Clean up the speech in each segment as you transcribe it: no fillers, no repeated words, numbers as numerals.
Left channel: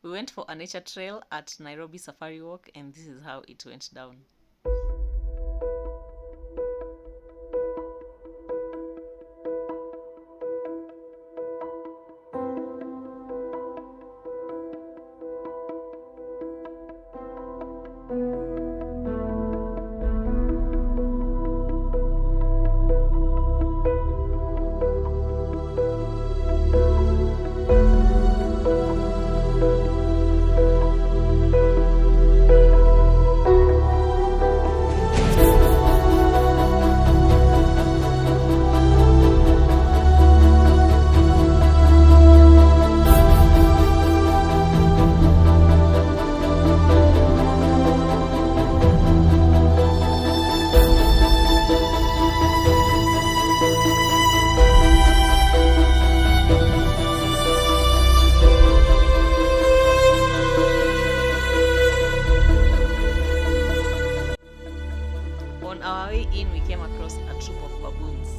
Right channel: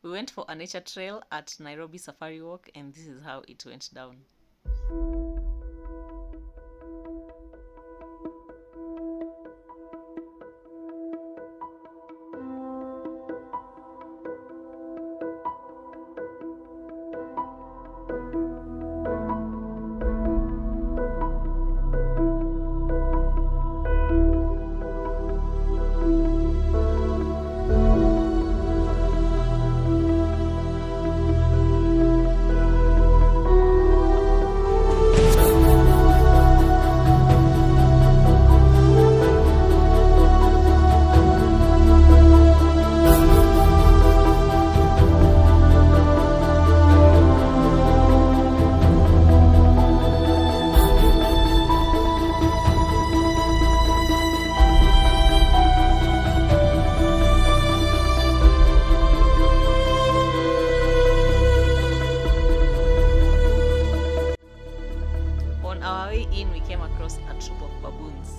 We went for a nature trail at Nairobi Safari Walk, and this is how it went down. On our way in, we came across a troop of baboons.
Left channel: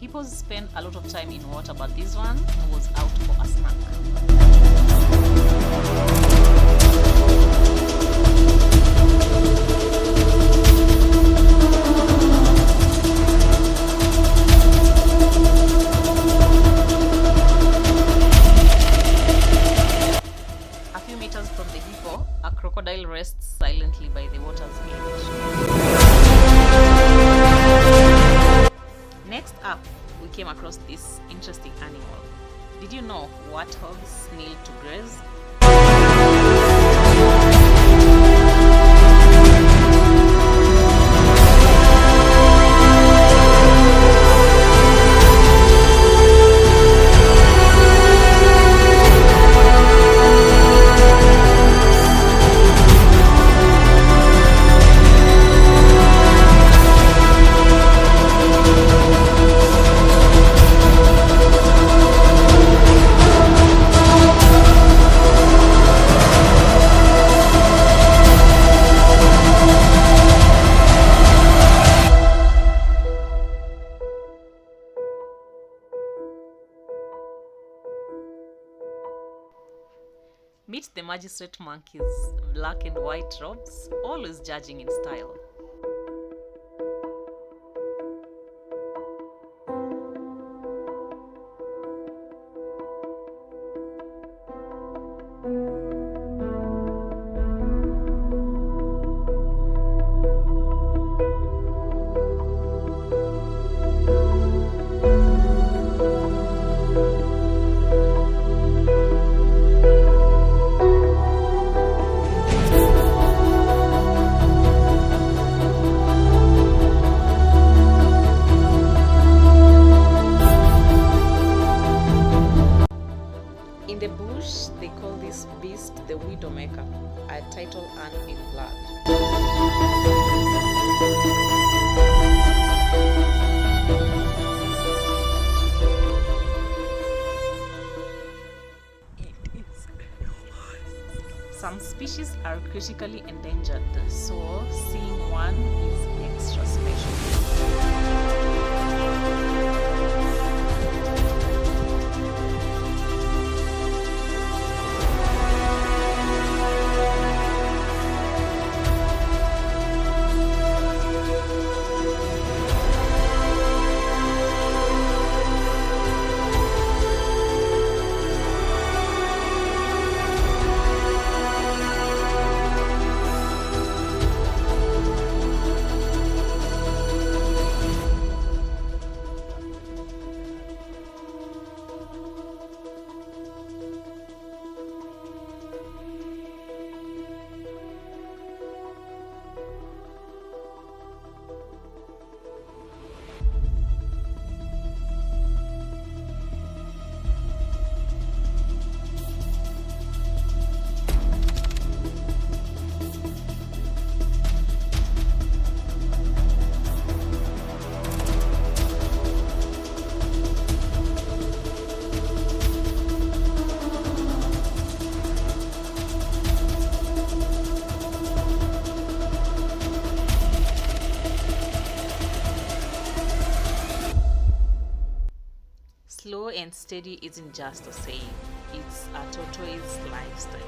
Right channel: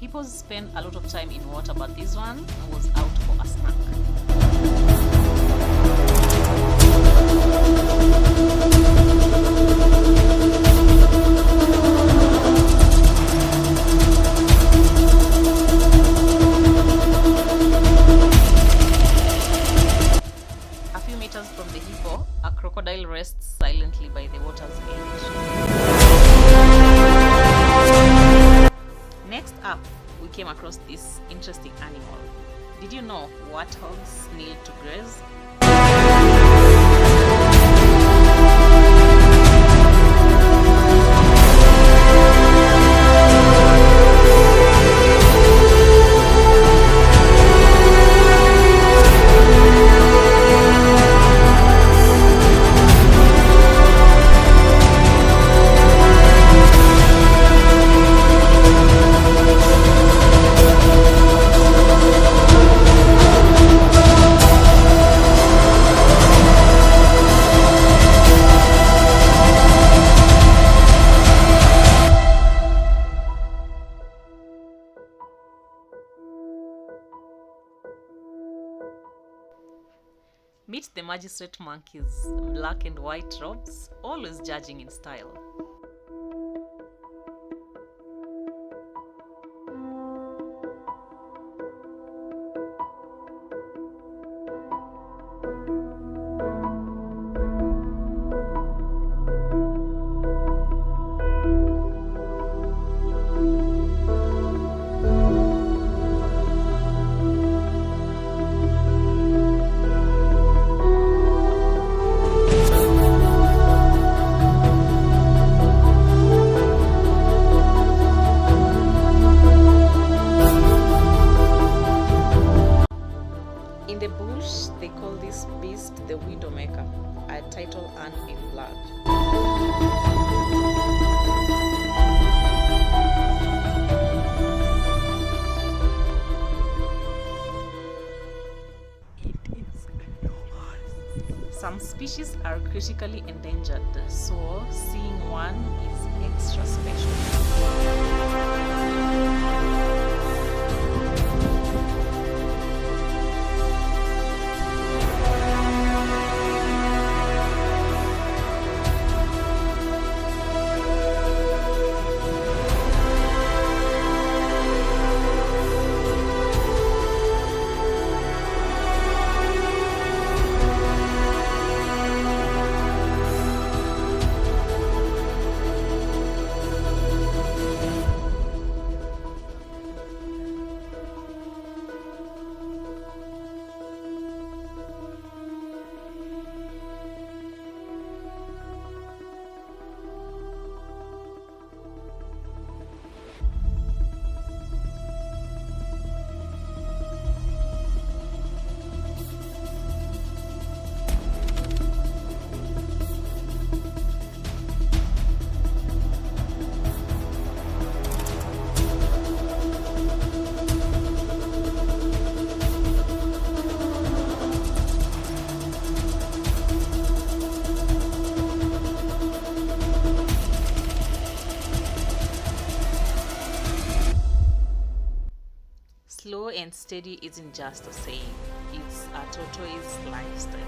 Hippos spend a lot of time in water, but this one was out for a snack. A few meters from the hippo, a crocodile rests silently by the water's edge. Next up, we came across this interesting animal. Did you know warthogs kneel to graze? Meet the magistrate monkeys, black and white robes, always judging in style. In the bush, they call this beast the Widowmaker, a title earned in blood. Some species are critically endangered, so seeing one is extra special. and steady isn't just a saying, it's a tortoise lifestyle.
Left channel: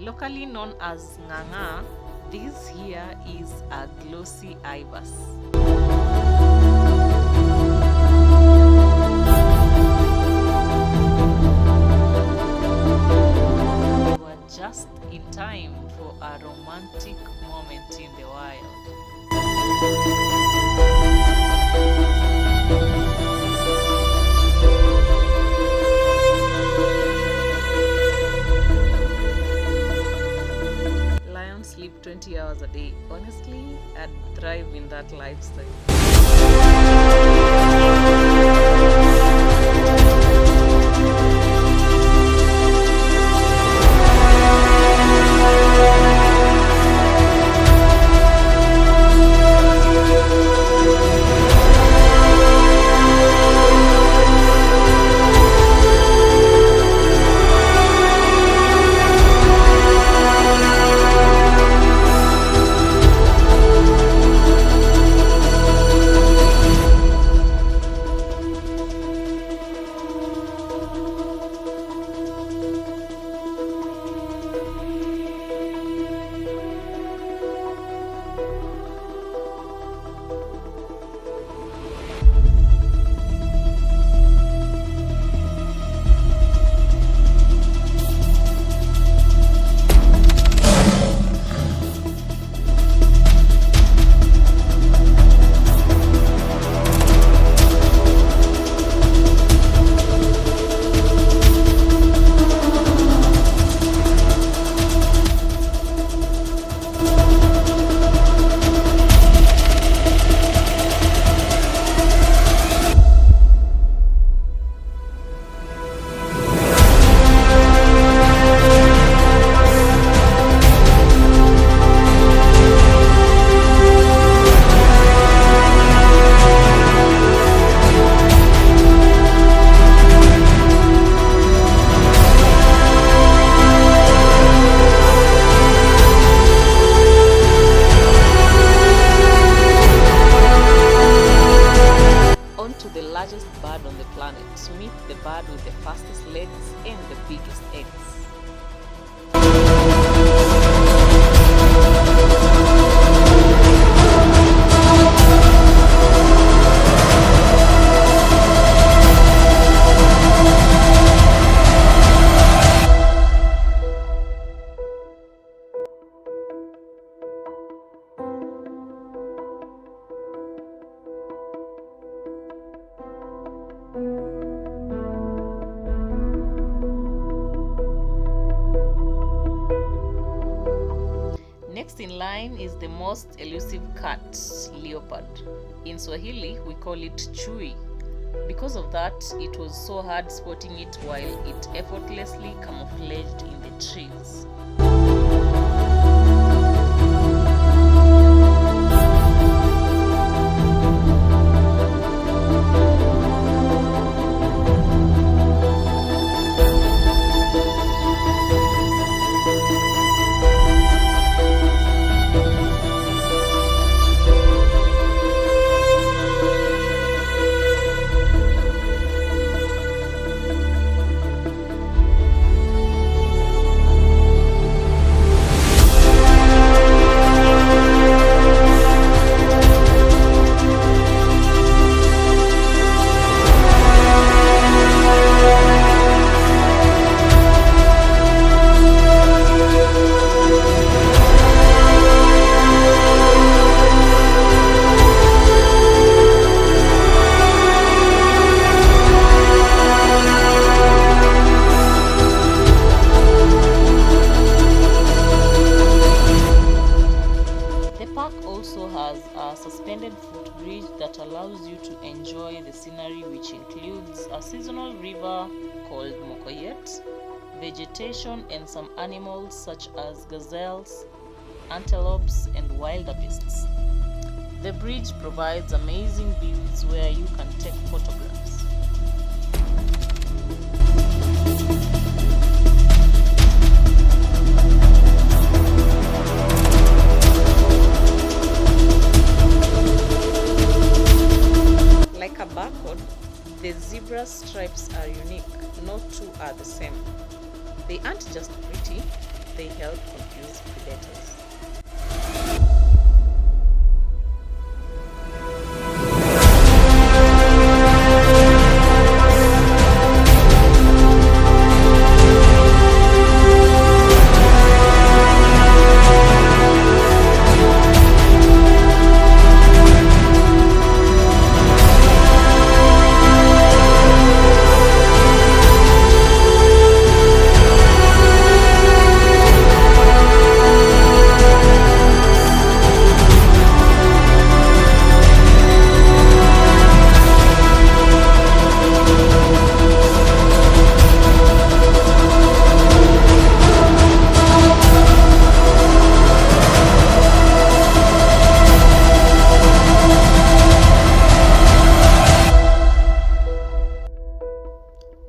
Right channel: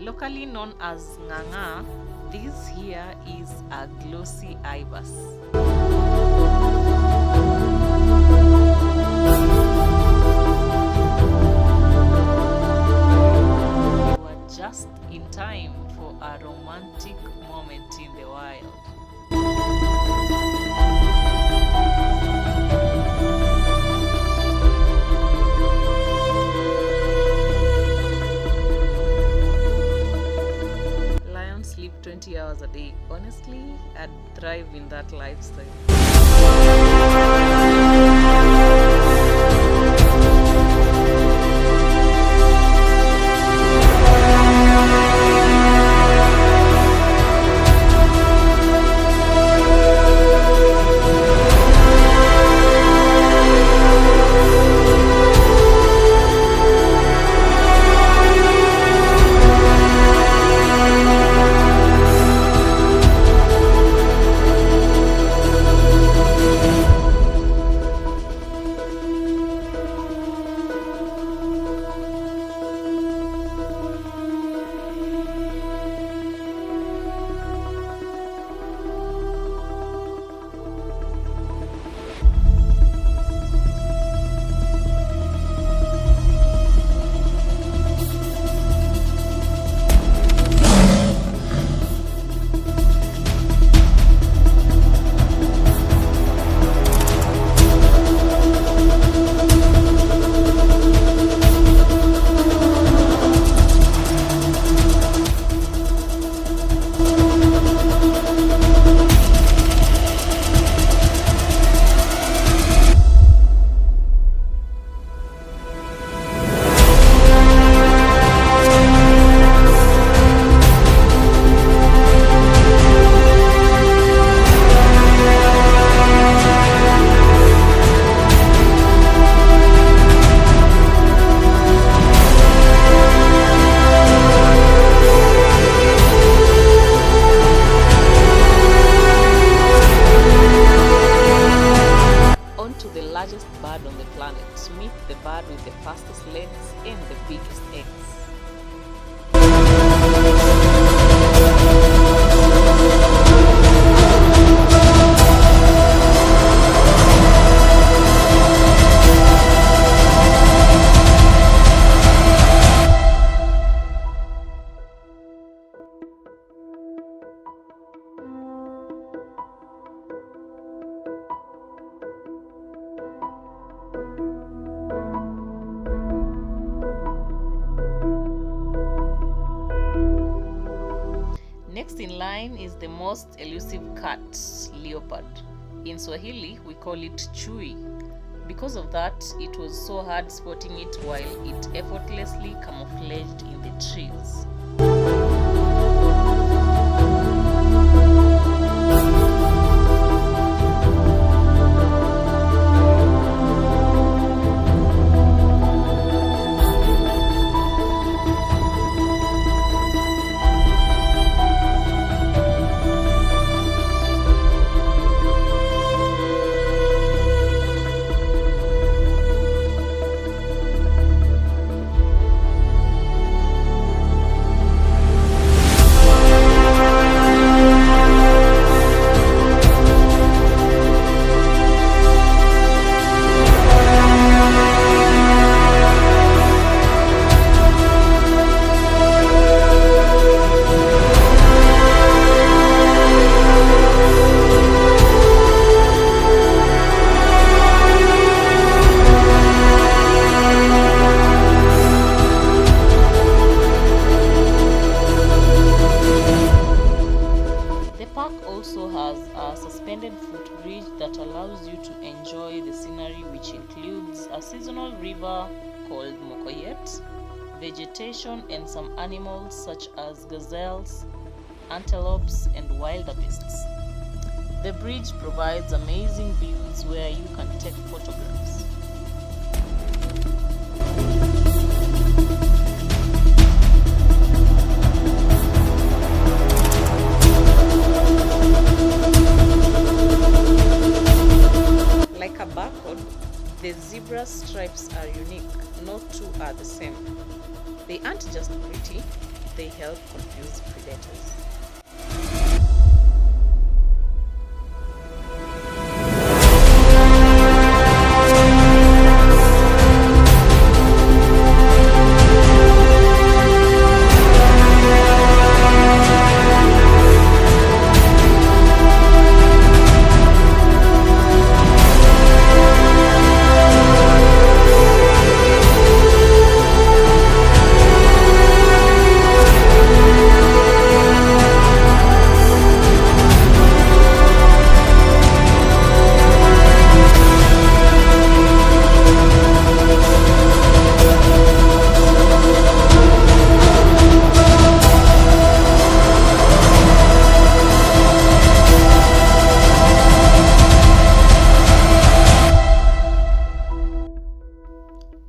Locally known as nganga, this here is a glossy ibis. We were just in time for a romantic moment in the wild. Sleep 20 hours a day. Honestly, I'd thrive in that lifestyle. Largest bird on the planet. Meet the bird with the fastest legs and the biggest eggs. Next in line is the most elusive cat, leopard. In Swahili, we call it chui. Because of that, it was so hard spotting it while it effortlessly camouflaged in the trees. which includes a seasonal river called Mokoyet, vegetation and some animals such as gazelles, antelopes and wildebeests. The bridge provides amazing views where you can take photographs. Like a barcode, the zebra stripes are unique. No two are the same. They aren't just pretty, they help confuse predators.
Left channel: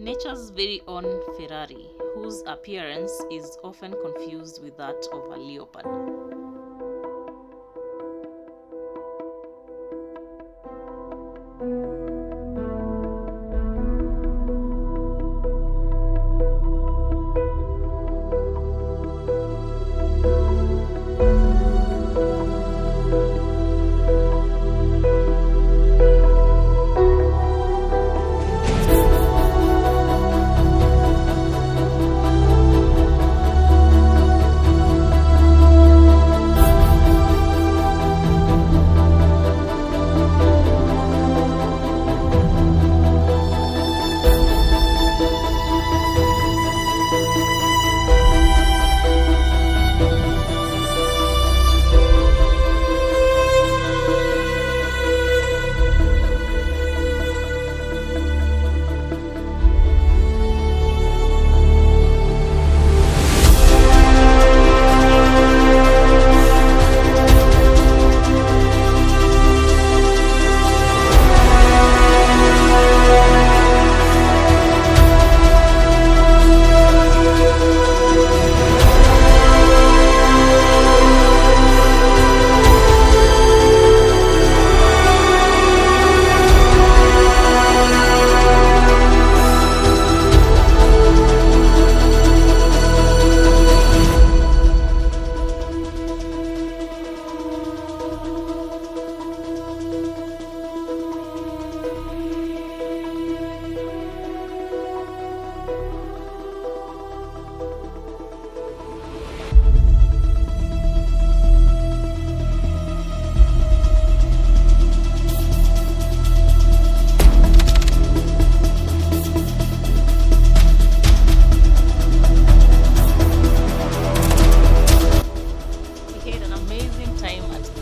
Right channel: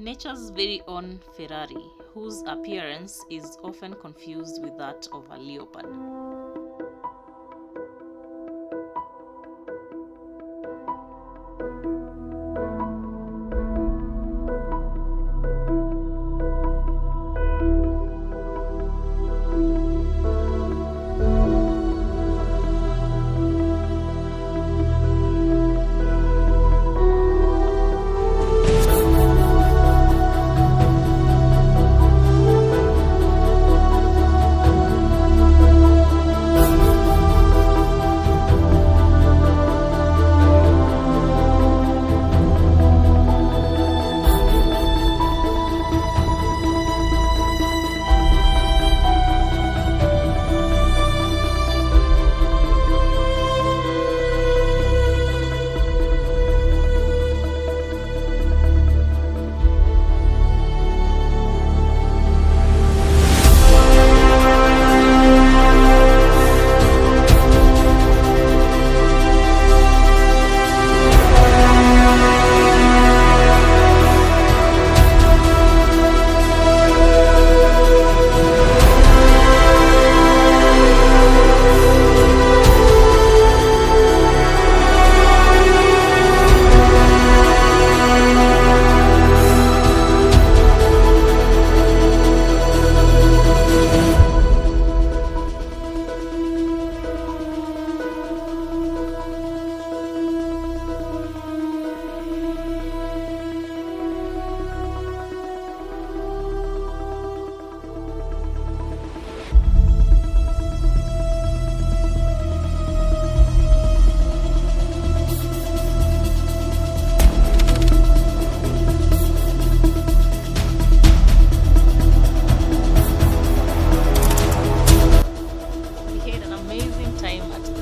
Nature's very own Ferrari, whose appearance is often confused with that of a leopard.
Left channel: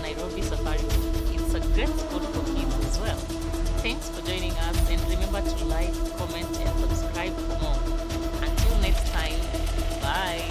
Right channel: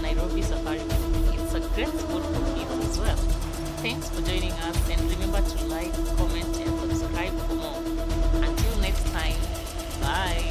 Nairobi Safari Walk. It's a great spot for kids as well. Thanks for joining us, and remember to like, comment and subscribe for more. Until next time, bye.